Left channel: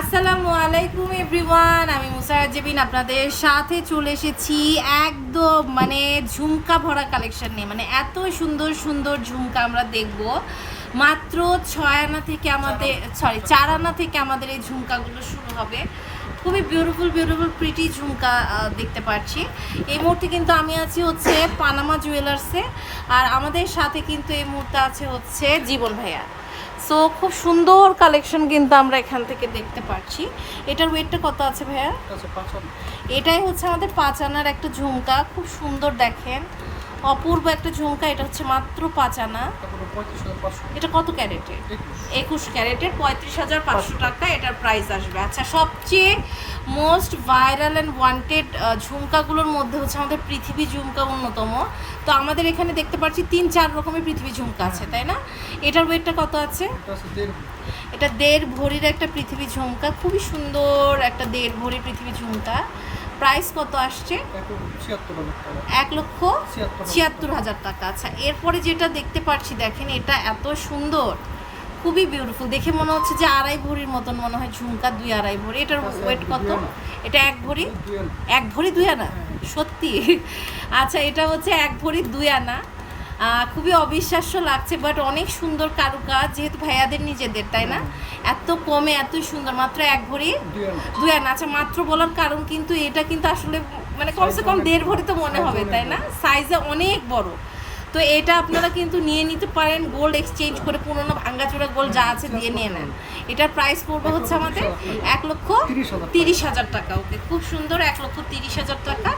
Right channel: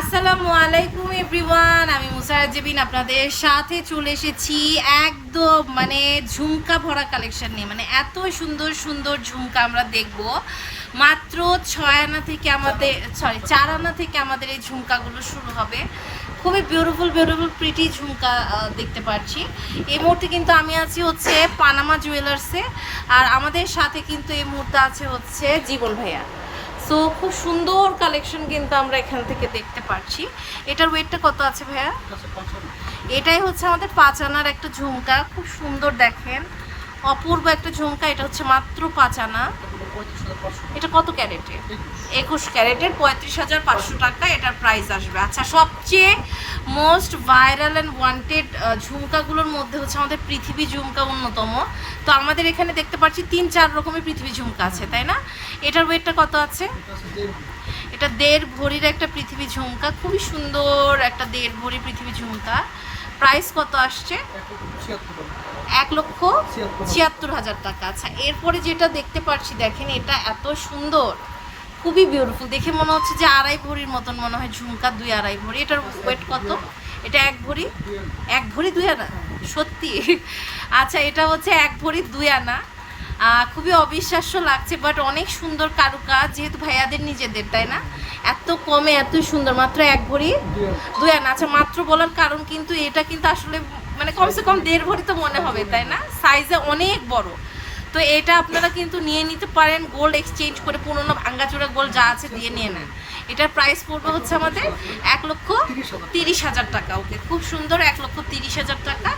আসসালামু আলাইকুম এভরিওয়ান, আমি মুসারাত জেবিন আপনাদের সাথে চলে এসেছি একদম ঝুমকা ভরা কালেকশন নিয়ে। এত সুন্দর সুন্দর ঝুমকা আমরা দেখব মাত্র 6 আনা থেকে আমাদের 4 আনা থেকে আমাদের এই ঝুমকাগুলো শুরু হবে। খুবই বিউটিফুল প্রিটি ঝুমকা দেখতে পাচ্ছি। এই মুহূর্তে কিন্তু আমি আছি হচ্ছে পানামা জুয়েলার্সে, আর আমাদের সাথে কিন্তু এই মুহূর্তে আছে হচ্ছে জীবন ভাইয়া। সো খুব সুন্দর কালেকশন কিন্তু আমরা এখান থেকে দেখতে পাচ্ছি। এটার ওয়েটটা কত আছে ভাইয়া? এটাই হচ্ছে আমাদের 5 আনার একটা ঝুমকা, খুব সুন্দর দেখেন, অপূর্ব একটা ঝুমকা। এটা হচ্ছে মাত্র 5 আনা। এটা কত ক্যারেটে? 21 ক্যারেটের 35,500 টাকা এটার প্রাইস আসবে। আচ্ছা, সবচেয়ে মোস্ট ভাইরাল অ্যান্ড ওয়ান্টেড ঝুমকাগুলোর মধ্যে হচ্ছে আমাদের পৃথিবী ঝুমকা অন্যতম। তো আমাদের এখানে দেখতে পাচ্ছি 3-4 রকমের পৃথিবী ঝুমকা আছে, তাই না? এটার ওয়েটটা কত আছে? এটা 1.5 ভরির একটা পৃথিবী ঝুমকা, খুবই সুন্দর একটা 1.5 ভরি পৃথিবী ঝুমকা। প্রাইস কত আসছে? 1,76,000 টাকা। আচ্ছা, এরপরে যেটা দেখতে পাচ্ছি দেখেন, এটা এত সুন্দর, খুবই বিউটিফুল, দেখে মনে হচ্ছে যে 2.5 ভরির মতন মনে হয় ঝুমকা, 2-2.5 ভরি। এটার ওয়েট কত? এটা 1 ভরি 2 আনা, সত্যি? আচ্ছা, এটা হচ্ছে 1 ভরি 2 আনা। খুবই অবিশ্বাস্য লাগছে, বাট অনেক সুন্দর কারুকাজ, যেহেতু ভাইয়াদের নিজেদের, তাই না? এত কমে এত সুন্দর, মাত্র 1 ভরি 2 আনা। আচ্ছা, মাত্র বলার কারণ কিন্তু এটা কিন্তু আসলে কমসে কম 1.5 ভরি তো মনে হবে, তাই না? সাইজে অনেক বড়। তো এটা আপনারা কিন্তু নিয়ে নিতে পারেন, গোল্ড এক্সচেঞ্জ করে, পুরোনো ভাঙ্গাচোরা গোল্ড যা আছে দিয়ে নিয়ে নেন। এটার প্রাইস পড়বে হচ্ছে আমাদের 1,30,000 টাকা। ওকে, খুব সুন্দর, 1,30,000 টাকা।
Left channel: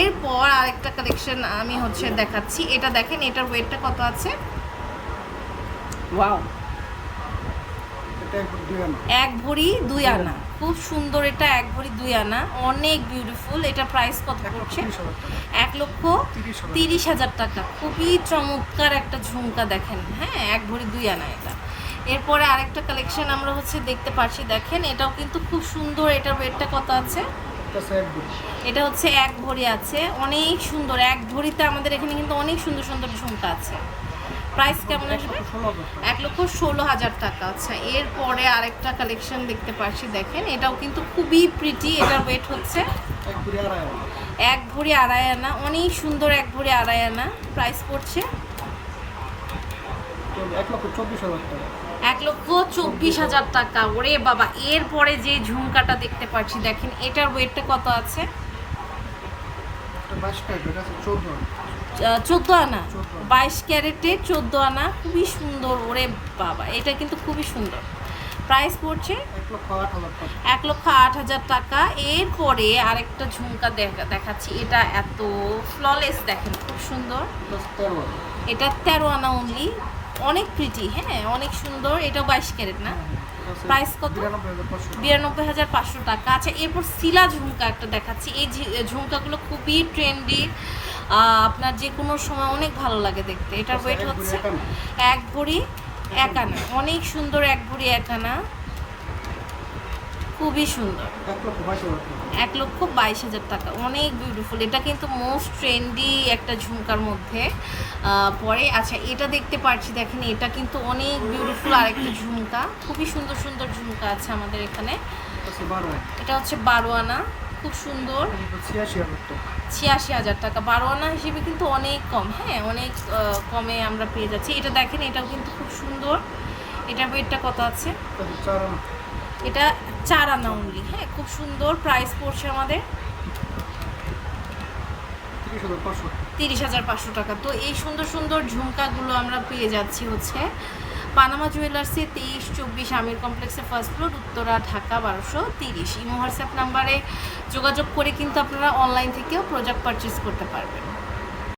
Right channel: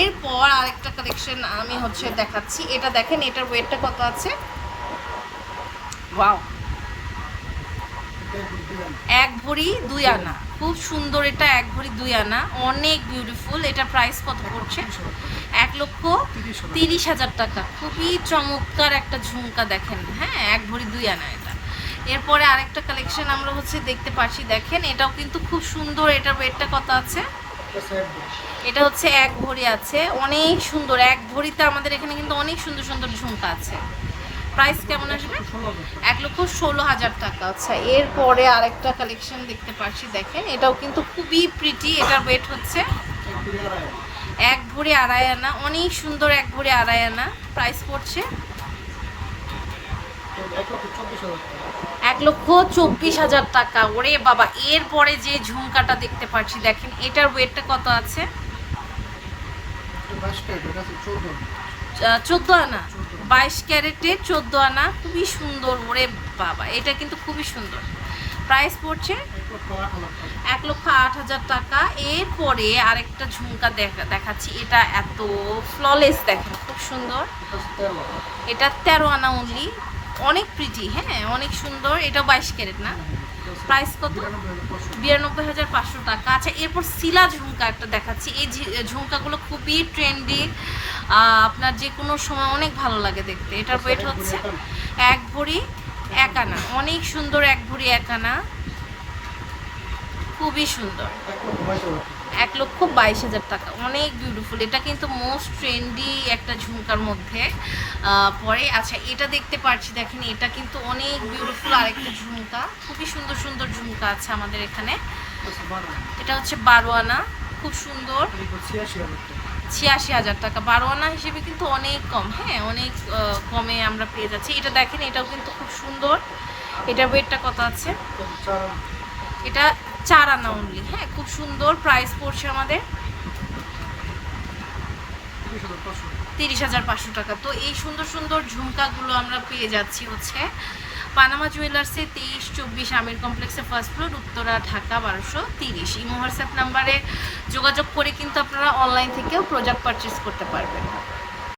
এরপর আরেকটা কালেকশন আমি হচ্ছে দেখাচ্ছি। এটা দেখেন, এটার ওয়েটটা কত আছে? ওয়াও, 1 ভরি 2 আনা, খুব সুন্দর। এটা 1 ভরি 2 আনা, অনেক বিউটিফুল। এটা প্রাইস কত পড়ছে? 1,30,000 টাকা। খুবই চমৎকার একটা ঝুমকা দেখেন, হ্যাঁ, 1 ভরি 2 আনা এটা। এরপরে আরেকটা কালেকশন আমরা হচ্ছে দেখতে পাচ্ছি দেখেন, এটাও কিন্তু খুব সুন্দর। এটার ওয়েটটা কত আছে? এটা হচ্ছে 1 ভরি আছে, অনেক সুন্দর। 1 ভরিতে আমাদের এখানে কিন্তু অনেক সুন্দর সুন্দর ঝুমকা আছে। প্রাইস কেমন আসবে? 1,16,000 টাকা। আচ্ছা, এরপরে আরেকটা কালেকশন দেখতে পাচ্ছি দেখেন, এটাও কিন্তু খুবই প্রিটি। এটার ওয়েট হচ্ছে 1 ভরি 2.5 আনা, অনেক সুন্দর। 1 ভরি 2.5 আনা। প্রাইস পড়ছে 1,24,000 টাকা। ওরে বাবা! এরপরে যে ঝুমকাটা দেখতে পাচ্ছি দেখেন, এটার ওয়েটটা কত আছে? 14 আনা, 22 ক্যারেটে 14 আনা, খুবই সুন্দর। ওরে বাবা, এটা কিন্তু খুবই সুন্দর। প্রাইস পড়ছে 1,08,000 টাকা। এরপরে আরেকটা ঝুমকা দেখাচ্ছি, এটা এত ফ্ললেস দেখেন, খুব সুন্দর। এটা 13 আনা অনলি, অনেক প্রিটি, হ্যাঁ, অনেক সুন্দর। এটা 22 ক্যারেট না? প্রাইস কত? 92,500 টাকা। আচ্ছা, এরপর শিলা ঝুমকা একটা দেখাচ্ছি। এই ঝুমকাগুলো খুবই ট্রেন্ডি, আপনার যে কোনো সময় অনেক ভালো লাগে দেখতে। এটার ওয়েট হচ্ছে 1 ভরি 1 আনা, অনেক সুন্দর। 1 ভরি 1 আনা, খুবই সুন্দর। 1,22,000 টাকা, অনেক বিউটিফুল। এটা কিন্তু মোস্ট ট্রেন্ডি একটা ঝুমকার মধ্যে পরে। আচ্ছা, এটা দেখতে পাচ্ছি দেখেন, এটা কিন্তু অনেক বিউটিফুল আরেকটা ঝুমকা, খুবই সুন্দর সুন্দর ঝুমকা আছে আমাদের এখানে। এটা হচ্ছে 12 আনা, খুব সুন্দর। 86,000 টাকা। 12 আনা হিসেবে কিন্তু অনেক কম, হ্যাঁ, অনেক কমে আমরা পেয়ে যাচ্ছি। এটা দেখেন, এটাও কিন্তু খুব সুন্দর। এটার ওয়েটটা কত আছে? এটা 4 আনা অনলি, হ্যাঁ, খুব সুন্দর। প্রাইস পড়ছে আমাদের 30,500 টাকা। তো এই সুন্দর সুন্দর ঝুমকাগুলো আমরা পেয়ে যাচ্ছি হচ্ছে পানামা জুয়েলার্সে, 23-24 আমির কমপ্লেক্সে, first floor, Uttara, Dhaka 1230। Imo WhatsApp নাম্বারে যোগাযোগ করে কিন্তু আপনারা অনলাইন থেকেও প্রোডাক্ট পারচেস করতে পারবেন।